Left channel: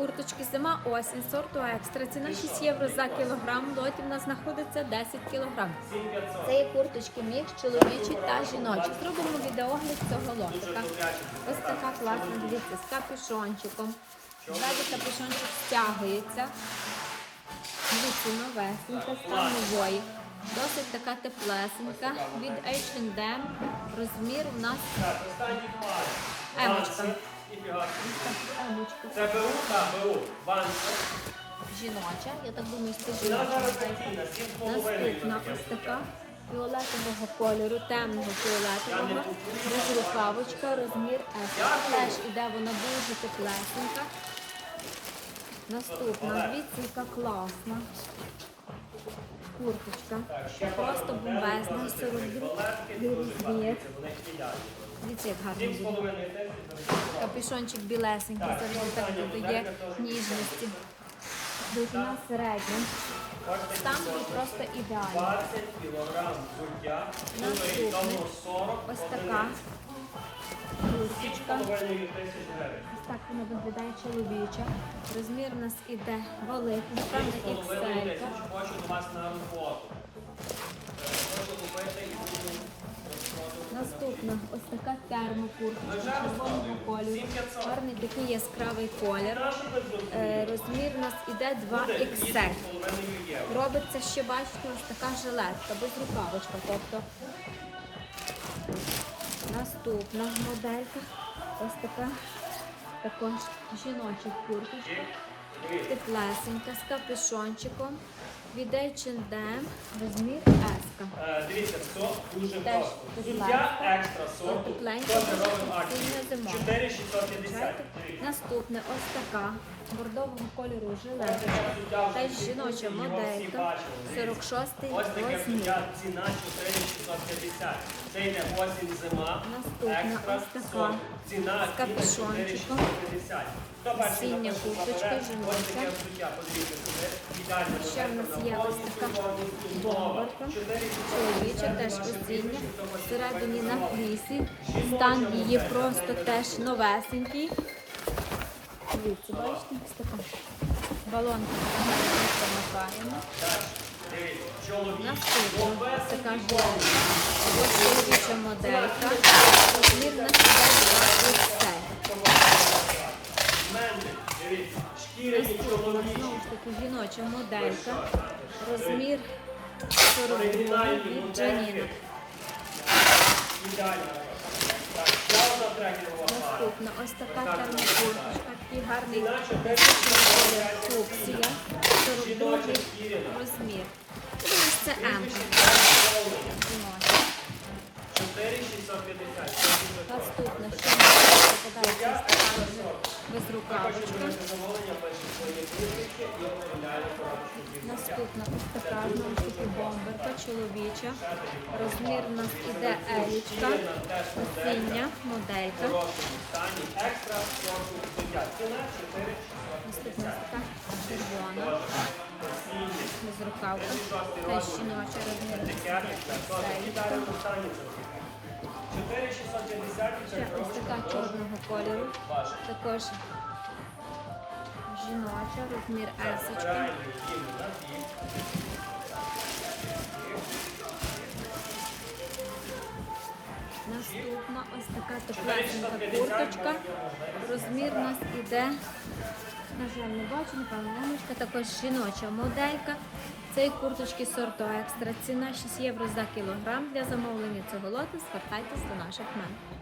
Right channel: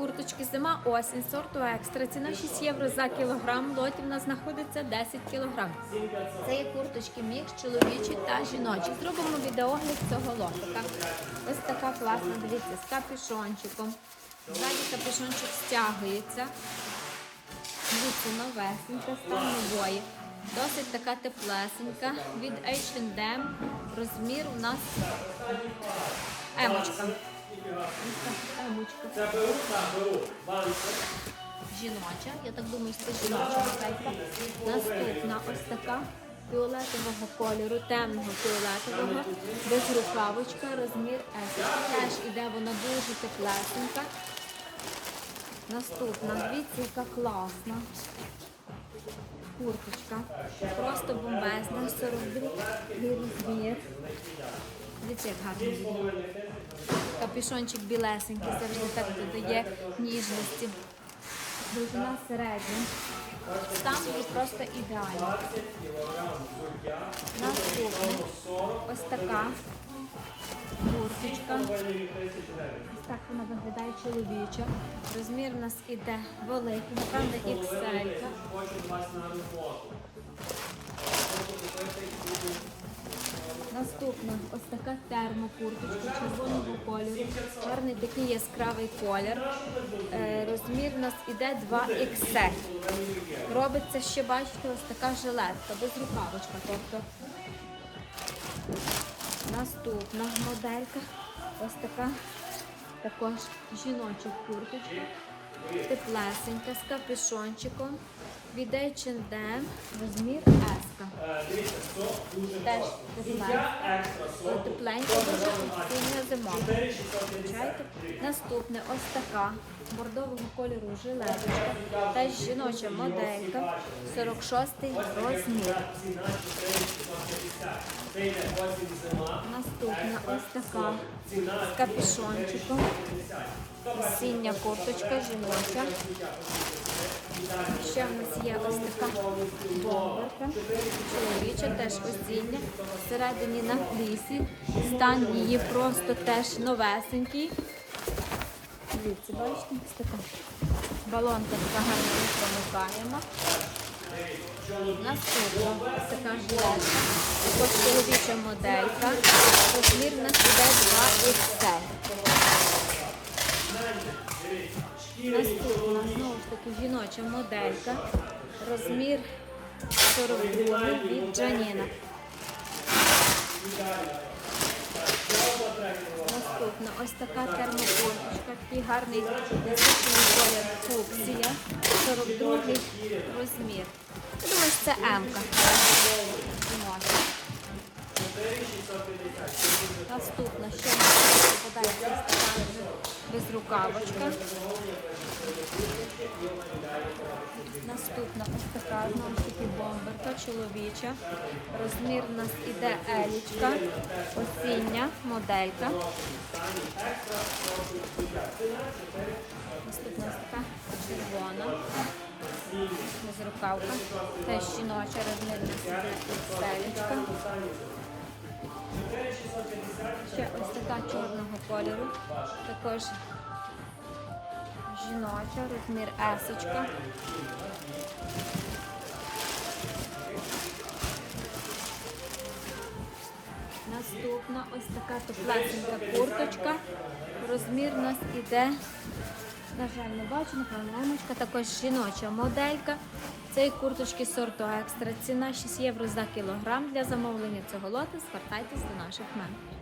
курточки зима осінь сорту екстра. Ціна 6 євро за кілограм. В Лоті в нас знаходиться 10 кілограм. Це є курточки мікс, чоловічі та жіночі. Зробимо відеогляд цього лотика. Ось така класна, дивіться, з капюшончиком. Ззаді капюшончик стягується. Дивіться, новесенька, стан нової. Досить така теплесенька. Від H&M. Розмір у нас емочка. Ось так, емочка. Жіноча. Я так думаю, що це жіноча модель. Наступна ось така фіолетового кольору, темного фіолетового, без рукавочка, розмір S. Теж іде вона дуже теплесенька. Наступна, дивіться, яка класна. Курточка. Просто бомбезна, 42 розмір. Дивіться, як гарно буде. Капюшончик білесенький, завжди так додає ніжності. Довжина середня. Стан її просто ідеальний. Наступне. Ось така курточка. Ось так вона виглядає чоловіча. Розмір у нас іде великий, напевно, XL. Наступна ось така термокурточка червоного кольору. Гарний такий яскравий колір. Е, розмір у нас іде 2XL. Робиться ще, бачите, ось така жилетка, без рукавочка. Тобто наступна моделька. Ось така також жіноча курточка. Теплесенька з капюшончиком. Від H&M розмір S. Теж тепленька, тепленька, дуже сильна зима. Наступне ось така бордового кольору жилеточка, теж жіноча моделька, 46 розмір. Наступна ось така з капюшончиком, осіння курточка жіноча. Ще в нас є ось така бомберка, чоловіча, теж осіння. Всередині на флісі. Стан її просто теж новесенький. Дивіться, бачите, ось така балонка взагалі не промокаємо. Наступна ось така жилетка, також чоловіча моделька. Розмір у нас іде 2 XL. Наступна знову ж таки жіноча моделька. Розмір 42 від Джаніна. Наступна ось така термокурточка, такий гарний насичений колір фуксія, 42 розмір. Я Думаю, це М-ка. Наступна, в нас попадається ось безрукавочка. Наступна ось така знову ж таки бомберка чоловіча. Розмір у нас іде елічка, осіння моделька. Наступна ось така червона. Безрукавка. Теж жіноча розмір елічка. Ще ось така чорного кольору. Також жіноча, розмір есочка. Наступна ось така теплесенька курточка. Розмір у нас іде, на жаль, не бачу, напевно, мамочка, також жіноча моделька. Цієї курточки сорту екстра. Ціна 6 євро за кілограм. Для замовлення цього лоту звертайтесь до наших мен.